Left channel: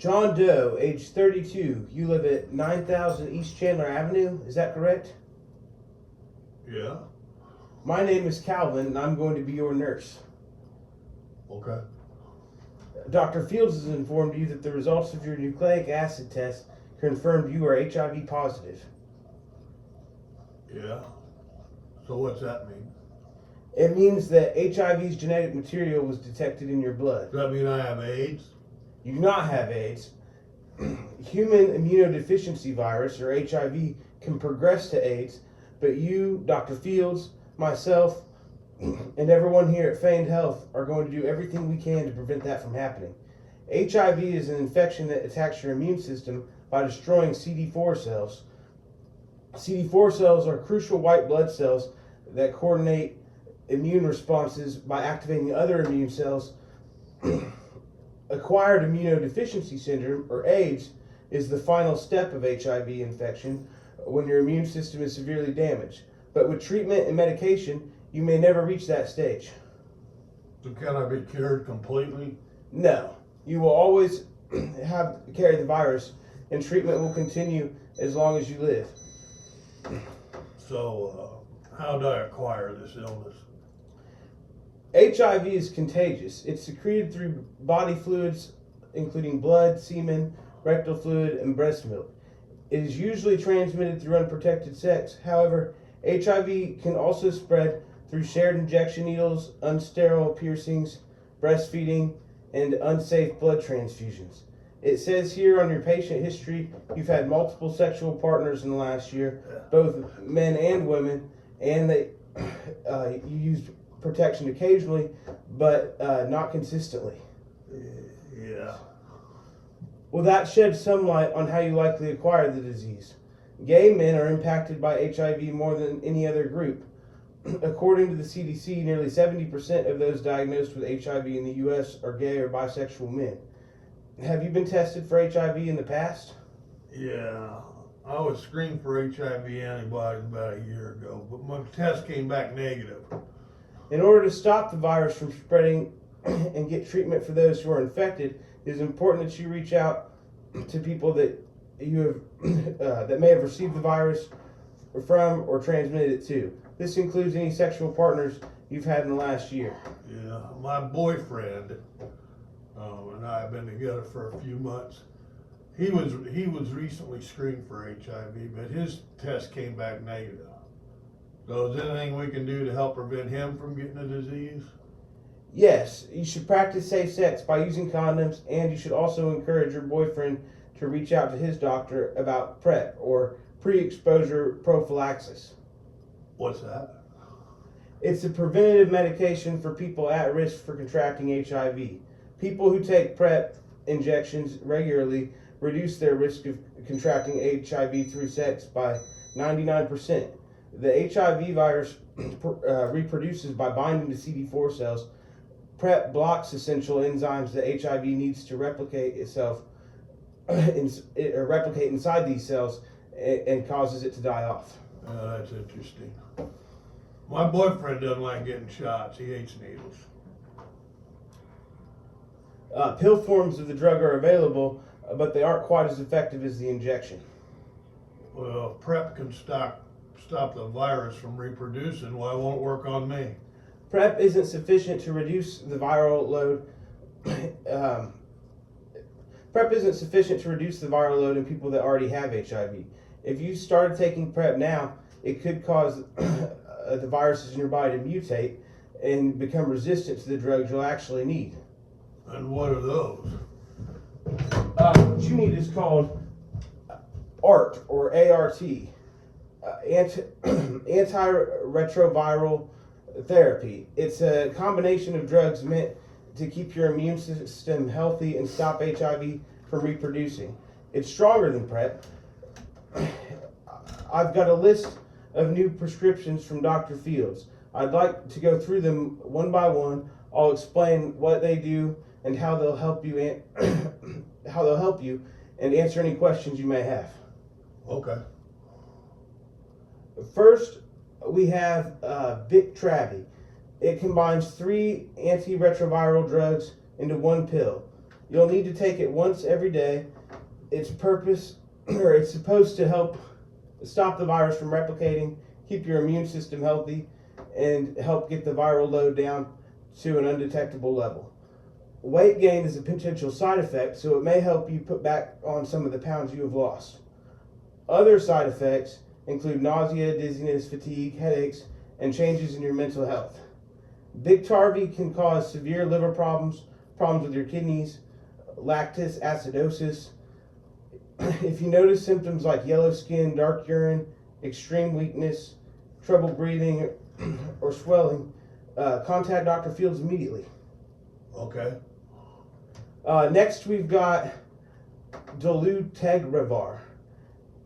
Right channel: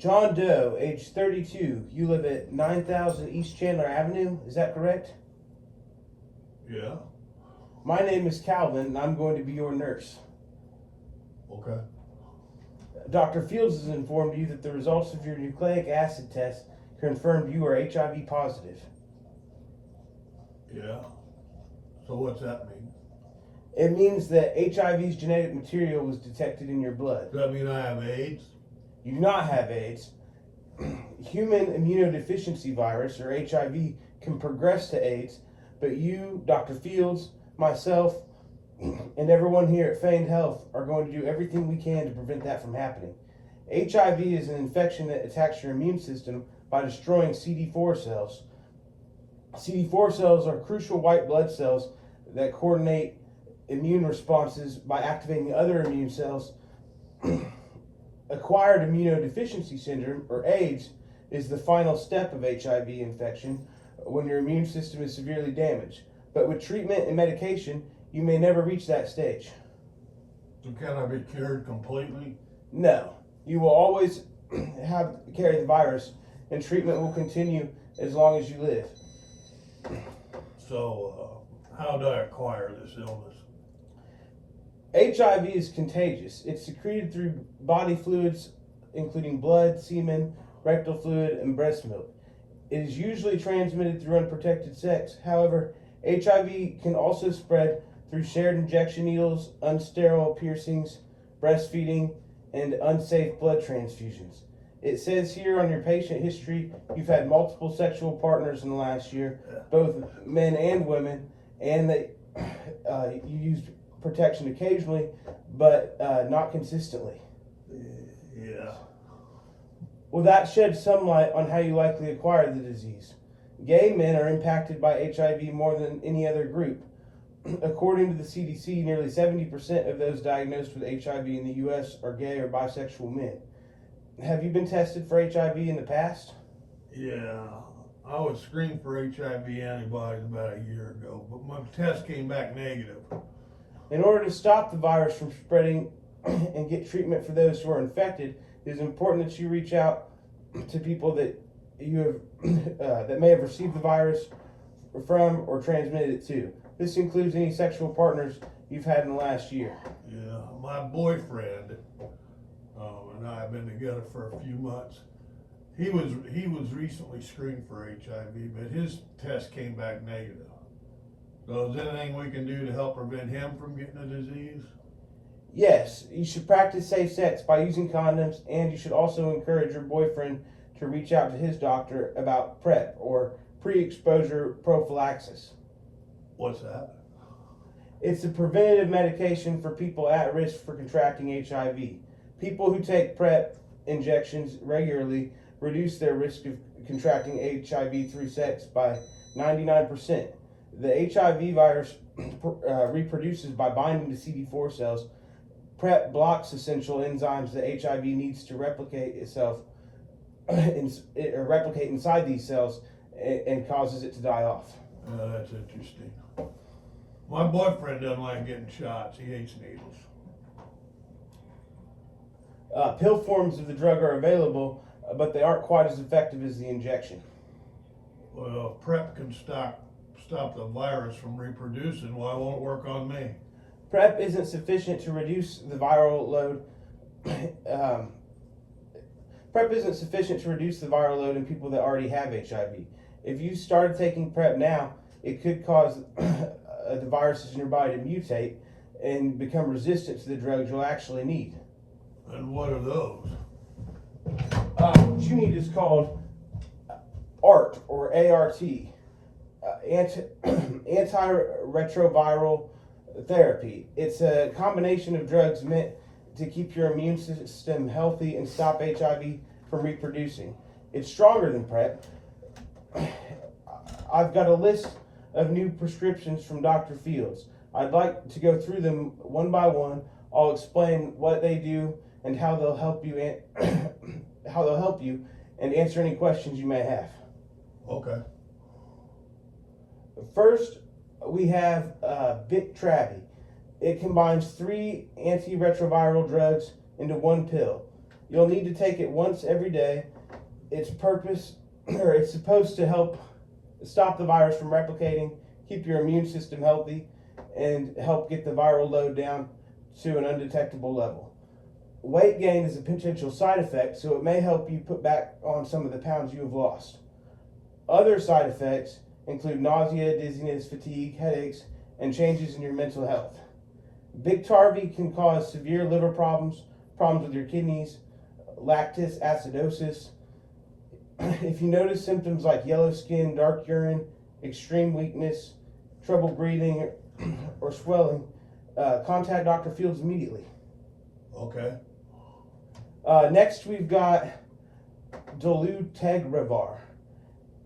John Doe, age 32. You live at 9000 East Chandler Avenue. Is that correct? Yeah. My name is Calvin, and I'm going to be your nurse. Okay. Dr. Fields has informed you that the results of your nucleic acid test confirmed you are HIV positive. Yeah. So what's that mean? It means that HIV's genetic material was detected in your blood. Does that mean I have AIDS? You do not have AIDS. Human immunodeficiency virus, or HIV, can progress to AIDS, but you, Dr. Fields, myself, and everyone here at Feigned Health are going to do everything we can to prevent that from happening. HIV is an infection that attacks your immune system by destroying CD4 cells. CD4 cells are crucial white blood cells that coordinate immune responses by activating other immune cells. Acquired immunodeficiency syndrome, or AIDS, is the final step of HIV infection when your immune system is severely damaged. But with treatment and medication, you may never reach that stage. So can I be cured completely? No. You will always carry the virus, and treatment will continue as long as you live. So, how do I acquire this illness? HIV is contagious. It's secreted through body fluids, including blood, semen, rectal fluid, and breast milk. It is usually transmitted through unprotected sex. However, HIV can also spread through shared injection needles, unsterile piercings, breastfeeding, and unsafe blood transfusions. It says here on your patient history you've had multiple sexual partners in the last year, both men and women, and that you used protection occasionally, but not consistently. Yeah. Well, that sheds some light on how you likely acquired the disease. Gay men are impacted by HIV more than any other group. According to the CDC, nearly 70% of those diagnosed with HIV in the U.S. are gay or bisexual men. Have you been tested for HIV in the past? Yeah. I was screened for HIV antibodies about a year ago, but my test came back negative. In order to stop the virus from spreading and get treatment for those who are infected, it is important that you reach out to people that you have that may have received the virus from or transmitted it to. This includes any sexual partners you've had in the last year. Yeah. My boyfriend and I have been together for a few months. He was recently screened for HIV, but his test came back negative. So is there anything we can do to help prevent him from getting the disease? Yes, you should practice safe sex by using condoms, and you should also encourage your boyfriend to reach out to his doctor about PrEP, or pre-exposure prophylaxis. What's that? It's a preventative medication for people at risk for contracting HIV. People who take PrEP injections regularly reduce their risk of contracting HIV through sex by 99%. The HIV virus reproduces by binding to CD4 cells. PrEP blocks essential enzymes that HIV needs to replicate itself, replicate inside these cells, and causes it to die off. That's interesting. My boyfriend doesn't like getting shots. He hates needles. Pill forms of the drug are available, but they aren't quite as effective as the injection. Well, if PrEP can stop the virus from reproducing, why won't it work on me? PrEP isn't sufficient to reduce the viral load. PrEP isn't sufficient to reduce the viral load in people that already have HIV. If you started taking PrEP now, it could cause the viruses in your body to mutate and become resistant to the drugs you'll actually need. And what are those? What you need is called ART, or ART, antiretroviral therapy. It's a combination of drugs meant to keep your immune system healthy and stop HIV from reproducing. It's stronger than PrEP. I've got a list of new prescriptions from Dr. Fields. I'd like to go through them one by one. I'll explain what they do and how they'll help you and answer any questions you may have. Okay. First, we have Biktarvy. It combines 3 antiretroviral drugs into one pill. You'll need to take it once every day. Its purpose, or it's supposed to help stop the virus from replicating, keep your immune system healthy, and help get the viral load down to an undetectable level. Weight gain is a potential side effect, so it may help you put back on some of the pounds you have lost. Other side effects include nausea, dizziness, fatigue, headaches, and changes in your mental health. Biktarvy can cause severe liver problems, problems with your kidneys, lactic acidosis. If you notice symptoms like yellow skin, dark urine, extreme weakness, trouble breathing, or swelling, contact Dr. Fields immediately. Okay. Next, we've got dolutegravir.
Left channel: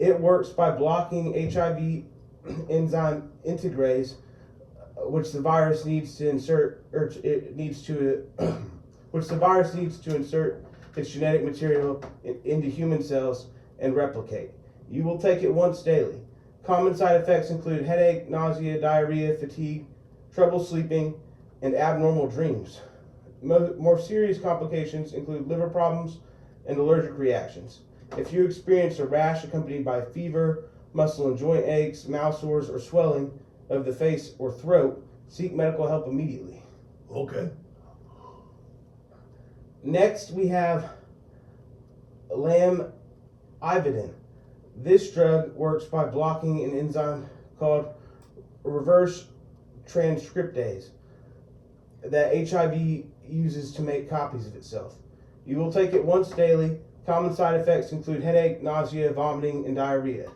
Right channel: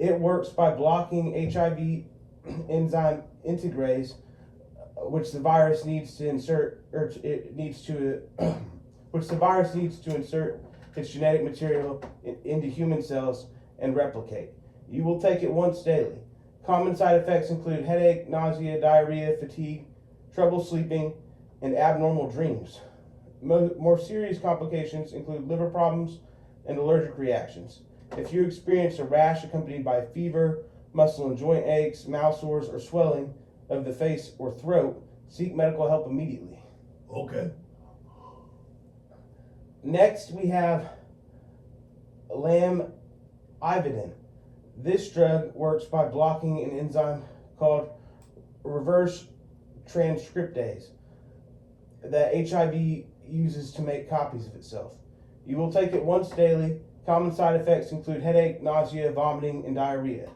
It works by blocking HIV enzyme integrase, which the virus needs to insert, which the virus needs to insert its genetic material into human cells and replicate. You will take it once daily. Common side effects include headache, nausea, diarrhea, fatigue, trouble sleeping, and abnormal dreams. More serious complications include liver problems and allergic reactions. If you experience a rash accompanied by fever, muscle and joint aches, mouth sores, or swelling of the face or throat, seek medical help immediately. Okay. Next, we have lamivudine. This drug works by blocking an enzyme called reverse transcriptase that HIV uses to make copies of itself. You will take it once daily. Common side effects include headache, nausea, vomiting, and diarrhea.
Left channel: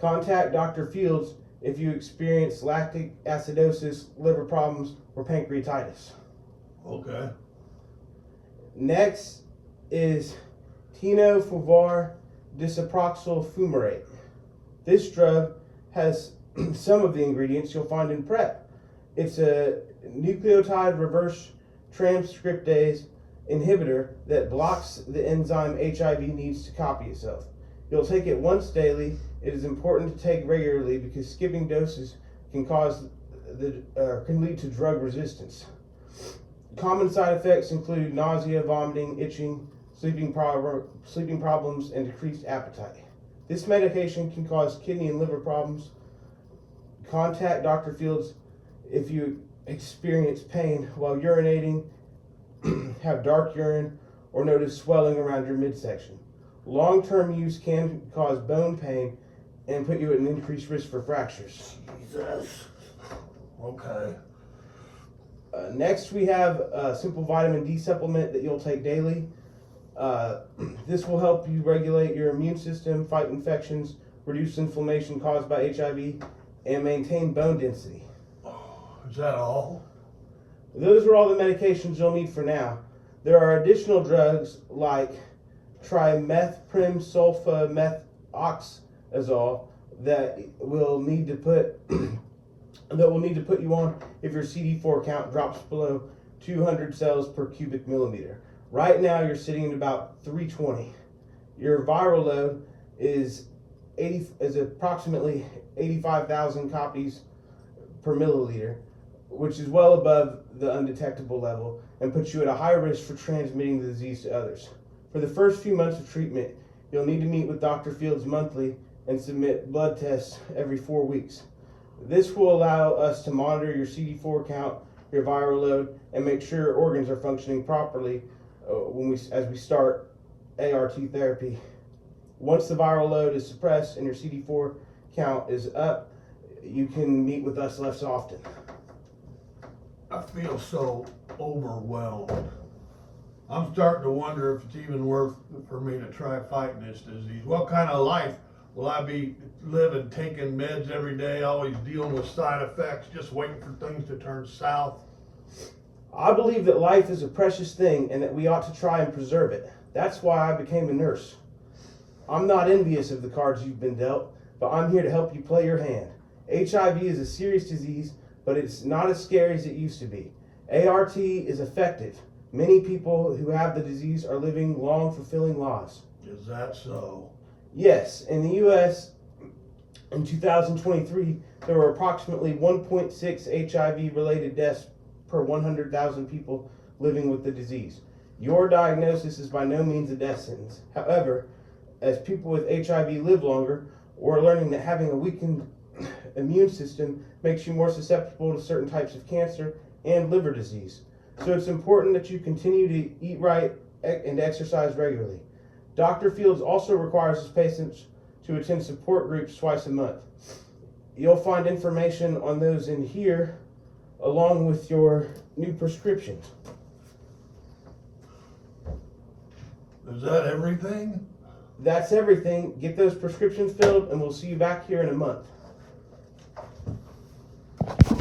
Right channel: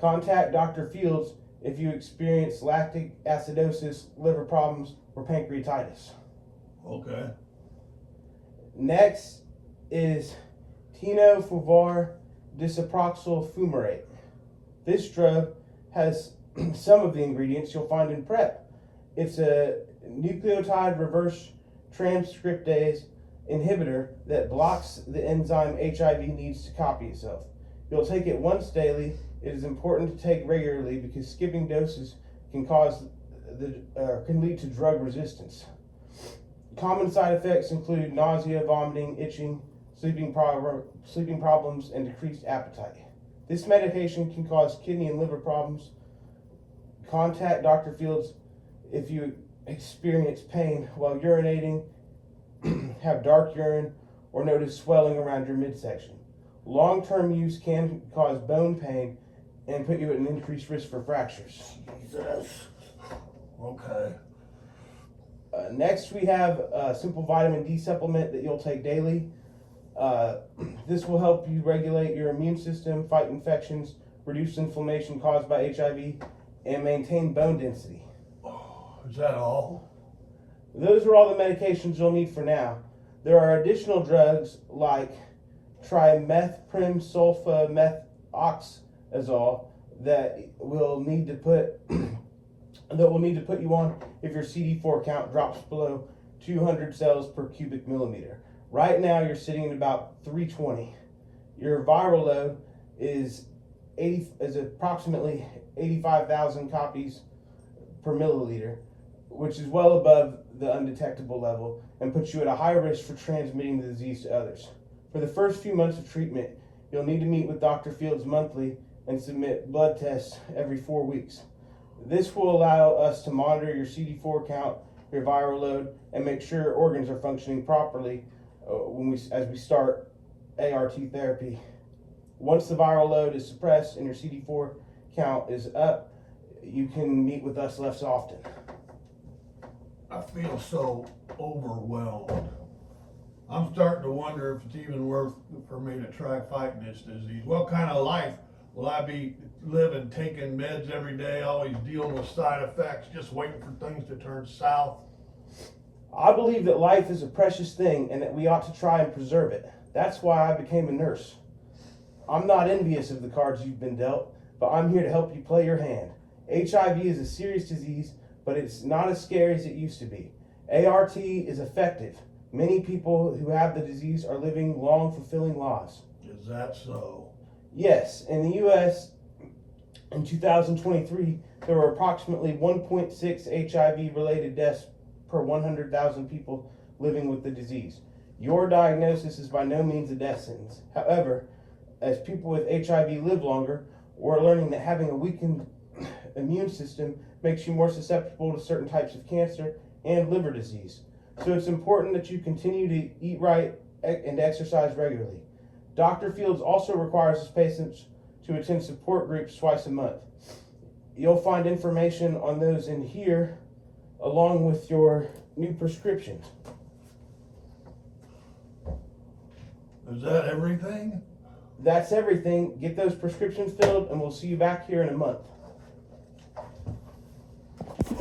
Contact Dr. Fields if you experience lactic acidosis, liver problems, or pancreatitis. Okay. Next is tenofovir disoproxil fumarate. This drug has some of the ingredients you'll find in PrEP. It's a nucleotide reverse transcriptase inhibitor that blocks the enzyme HIV needs to copy itself. You'll take it once daily. It is important to take regularly because skipping doses can can lead to drug resistance. Common side effects include nausea, vomiting, itching, sleeping problems, and decreased appetite. This medication can cause kidney and liver problems. Contact Dr. Fields if you experience pain while urinating, have dark urine, or notice swelling around your midsection. Long-term use can cause bone pain and put you at an increased risk for fractures. Jesus. Okay. Next, we have a simple vitamin D supplement that you'll take daily. This will help you regulate your immune system, fight infections, reduce inflammation caused by HIV, and maintain bone density. Is that all? Those are all the medications you'll need for now. There are additional drugs like trimethylsulfamethoxazole that will need to put you on if your CD4 count drops below 200 cells per cubic millimeter. Right now you're sitting at about 320. Your viral load is approximately 85,000 copies per milliliter, which is well above the undetectable level and puts you at a high risk for transmitting the disease to others. For the first few months of treatment, you'll need to meet with Dr. Fields monthly and submit blood tests every 4 weeks. This will allow us to monitor your CD4 count, your viral load, and make sure your organs are functioning properly as we start ART therapy. Once the viral load is suppressed and your CD4 count is up, you can meet with us less often. I feel so overwhelmed. I'm starting to wonder if it's even worth for me to try fighting this disease. What kind of life will I be living, taking meds every day, always dealing with side effects, just waiting for things to turn south? I believe that life is a precious thing and that we ought to try and preserve it. That's why I became a nurse. I'm not envious of the cards you've been dealt, but I'm here to help you play your hand. HIV is a serious disease, but it's not as scary as it used to be. ART is effective. Many people who have the disease are living long, fulfilling lives. Is that so? Yes, in the U.S. in 2023, there were approximately 1.6 HIV-related deaths per 100,000 people living with the disease. Your diagnosis is by no means a death sentence. However, as people with HIV live longer, we're learning that having a weakened immune system makes you more susceptible to certain types of cancer and liver disease. So it's important that you continue to eat right and exercise regularly. Dr. Fields also requires his patients to attend support groups twice a month. You'll find information on those in here along with your new prescriptions. Is that everything? That's everything. Get those prescriptions filled and we'll see you back here in a month.